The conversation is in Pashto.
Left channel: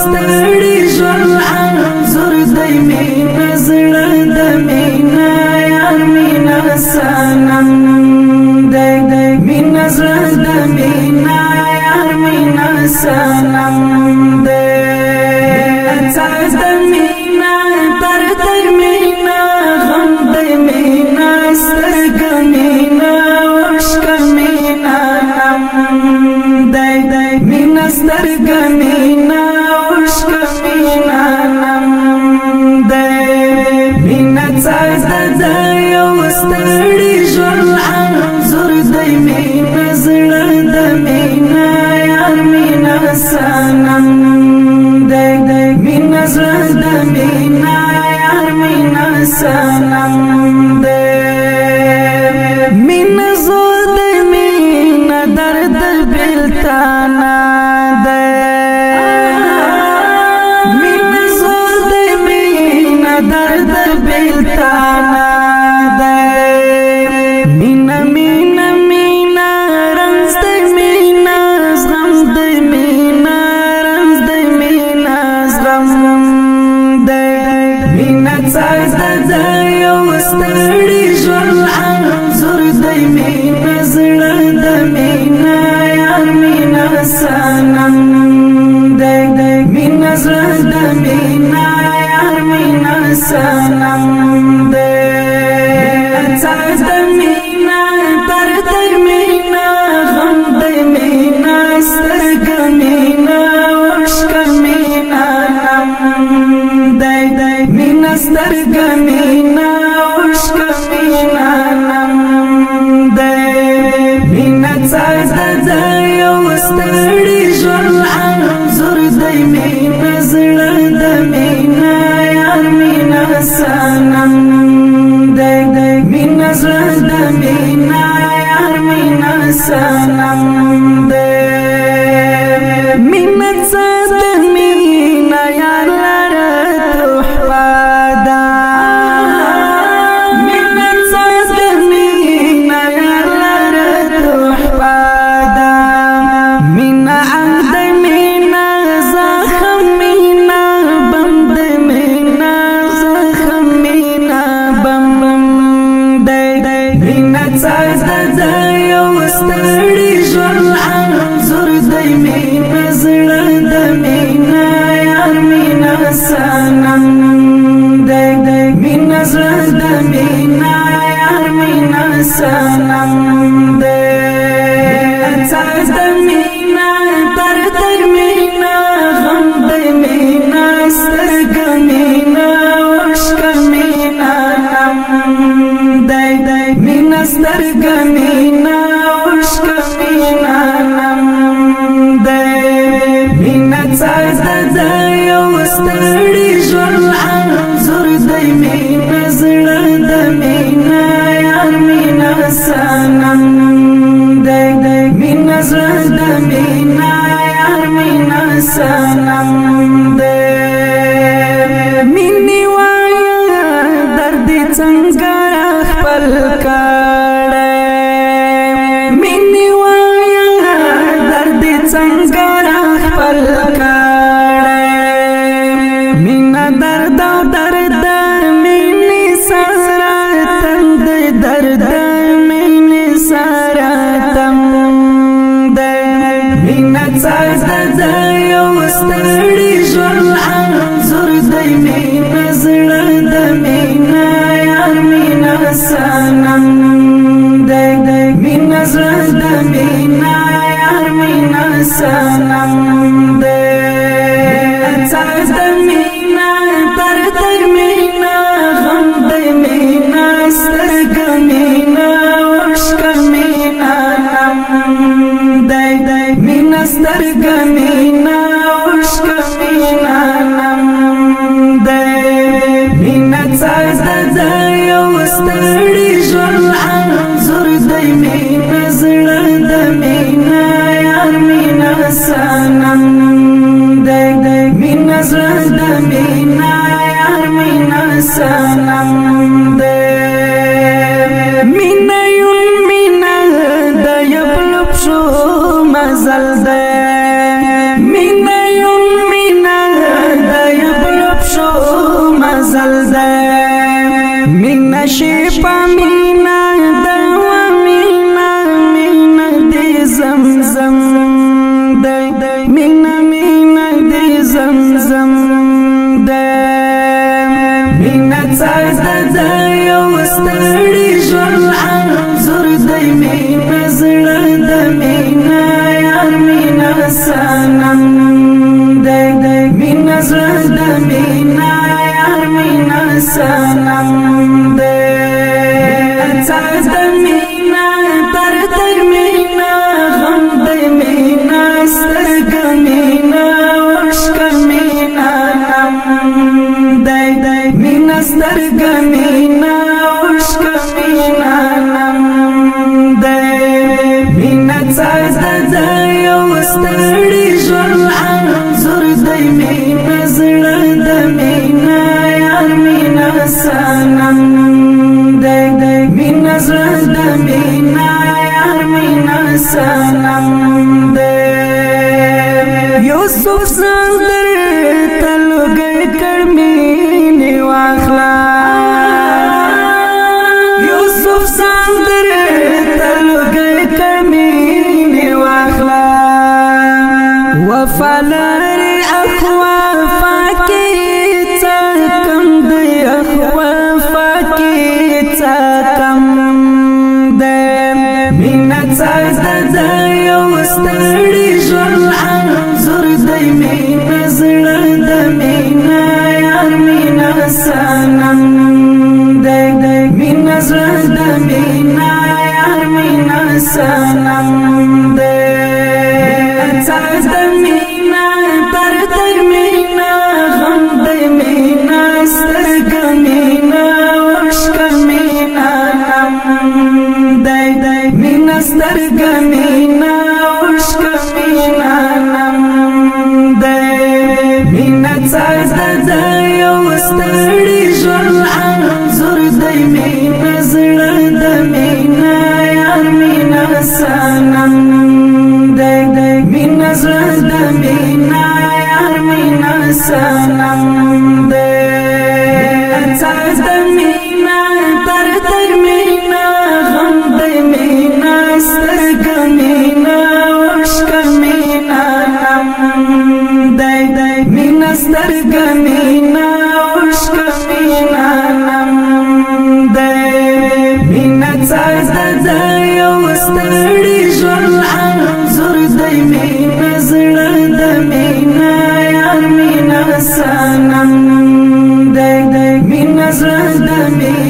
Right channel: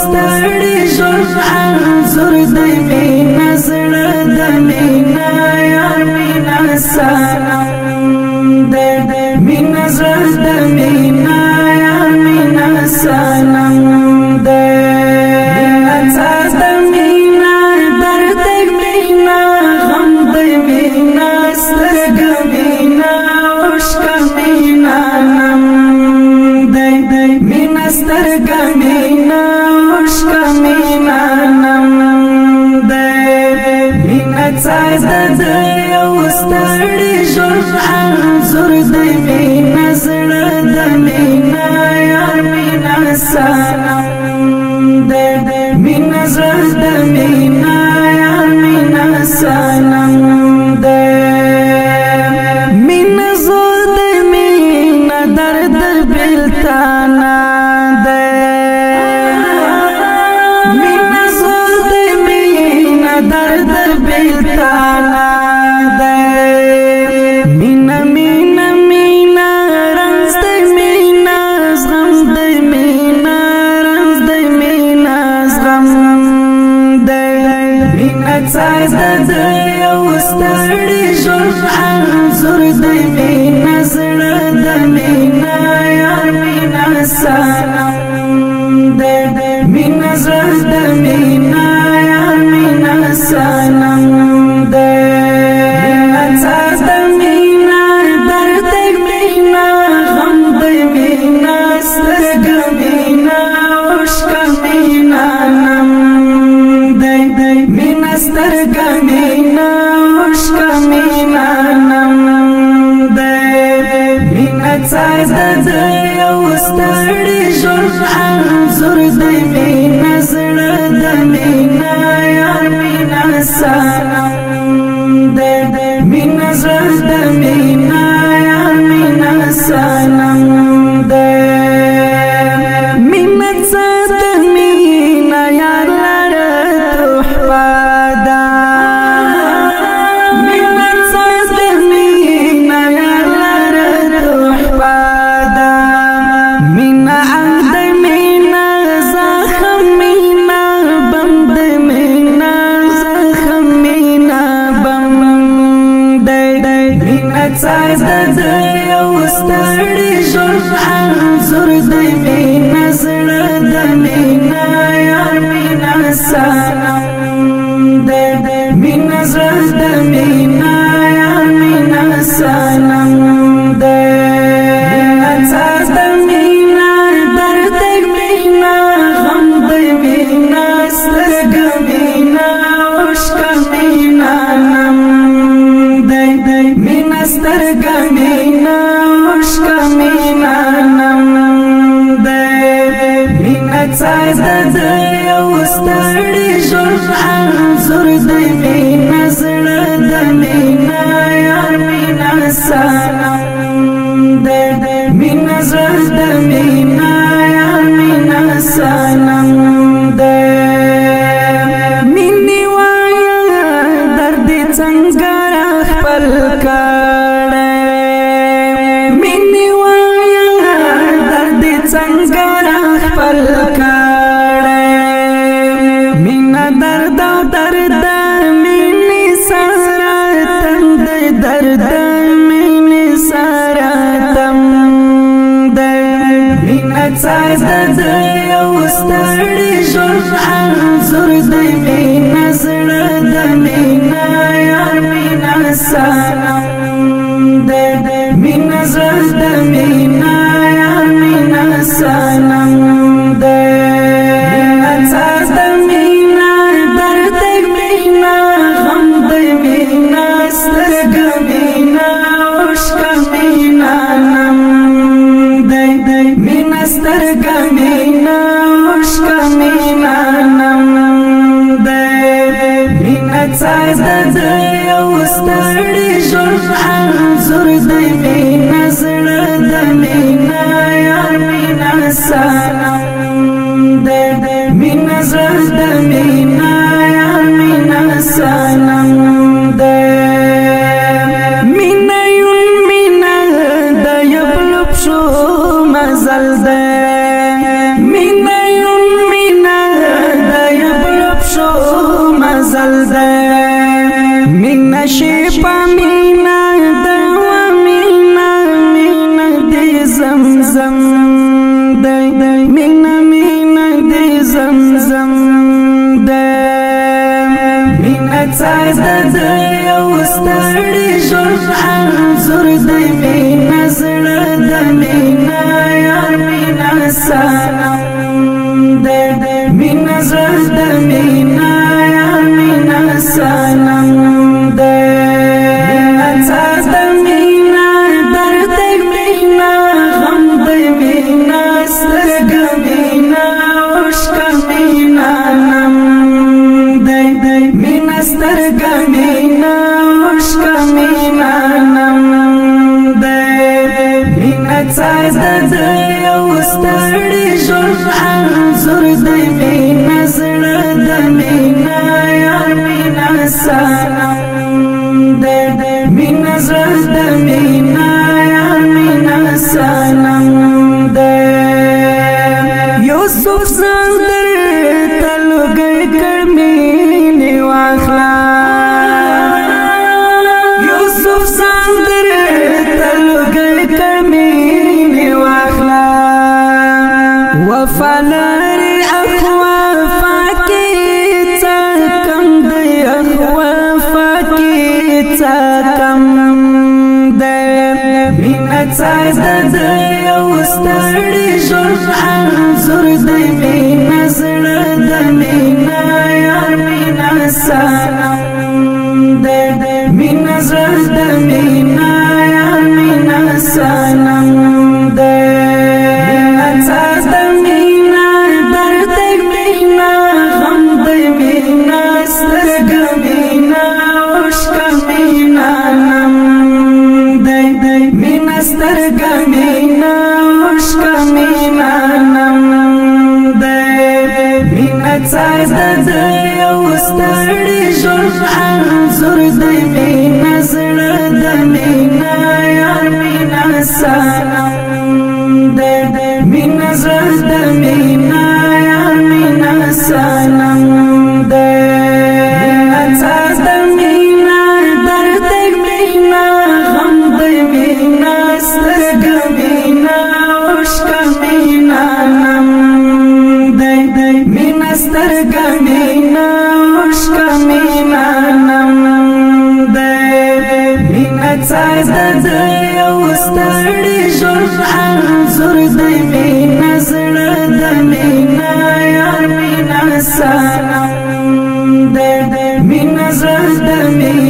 ستړي ژوند انځور دی مینا زړه د مینا یار مینا سنم دی مینا زړه د مینا یار مینا سنم دی احساس د مینا درد مینا غم د مینا سترګې مینا عشق مینا نم دی مینا سترګې مینا ستړي ژوند انځور دی مینا زړه د مینا یار مینا سنم دی مینا زړه د مینا یار مینا سنم دی مینا زور د مینا درد بلتانا دی مینا زور د مینا درد بلتانا مینا مینا مینا رنز دی مینا زغم دی مینا رنز دی مینا زغم دی مینا څاڅ د یو ستړي ژوند انځور دی مینا زړه د مینا یار مینا سنم دی مینا زړه د مینا یار مینا سنم دی ستړي ژوند انځور دی مینا زړه د مینا یار مینا سنم دی مینا زړه د مینا یار مینا سنم دی مینا څه د مینا یار لره تحفه ده مینا څه د مینا یار لره تحفه ده مینا انگ دی مینا زخم مینا بم دی مینا زخم مینا بم دی مینا څاڅ د یو ستړي ژوند انځور دی مینا زړه د مینا یار مینا سنم دی مینا زړه د مینا یار مینا سنم دی ستړي ژوند انځور دی مینا زړه د مینا یار مینا سنم دی مینا زړه د مینا یار مینا سنم دی مینې وایه درد څنګه خپل کړی مینې وایه درد څنګه خپل کړی مینا درد او درد مینې سره تم دی درد مینې سره تم دی مینا څاڅ د یو ستړي ژوند انځور دی مینا زړه د مینا یار مینا سنم دی مینا زړه د مینا یار مینا سنم دی سترګې مینا عشق مینا نم دی څاد یو ستړي ژوند انځور دی مینه زړه د مینه یار مینه سنم دی مینه زړه د مینه یار مینه سنم دی مینه یون مینه د یبلب شو مزل دی مینه یون مینه د یبلب شو مزل دی مینه شي په مینه د و مینه مینه دی زمزم دی مینه مینه دی زمزم دی مینه څاد یو ستړي ژوند انځور دی مینه زړه د مینه یار مینه سنم دی مینه زړه د مینه یار مینه سنم دی څاد مینه درد مینه غم دی مینه سترګه مینه عشق مینه نم دی مینه سترګه مینه عشق مینه نم دی مینه څاد یو ستړي ژوند انځور دی مینه زړه د مینه یار مینه سنم دی مینه زړه د مینه یار مینه سنم دی یوسف زندر تلګي کړمینه واخلا یوسف زندر تلګي کړمینه واخلا وفلری اخوا فاکی تکم دی اخوا فاکی تکم دی مینه څاد یو ستړي ژوند انځور دی مینه زړه د مینه یار مینه سنم دی مینه زړه د مینه یار مینه سنم دی څاد مینه درد مینه غم دی مینه سترګه مینه عشق مینه نم دی مینه سترګه مینه عشق مینه نم دی مینه څاد یو ستړي ژوند انځور دی مینه زړه د مینه یار مینه سنم دی مینه زړه د مینه یار مینه سنم دی څاد مینه درد مینه غم دی مینه سترګه مینه عشق مینه نم دی مینه سترګه مینه عشق مینه نم دی مینه څاد یو ستړي ژوند انځور دی مینه زړه د مینه یار مینه سنم دی مینه زړه د مینه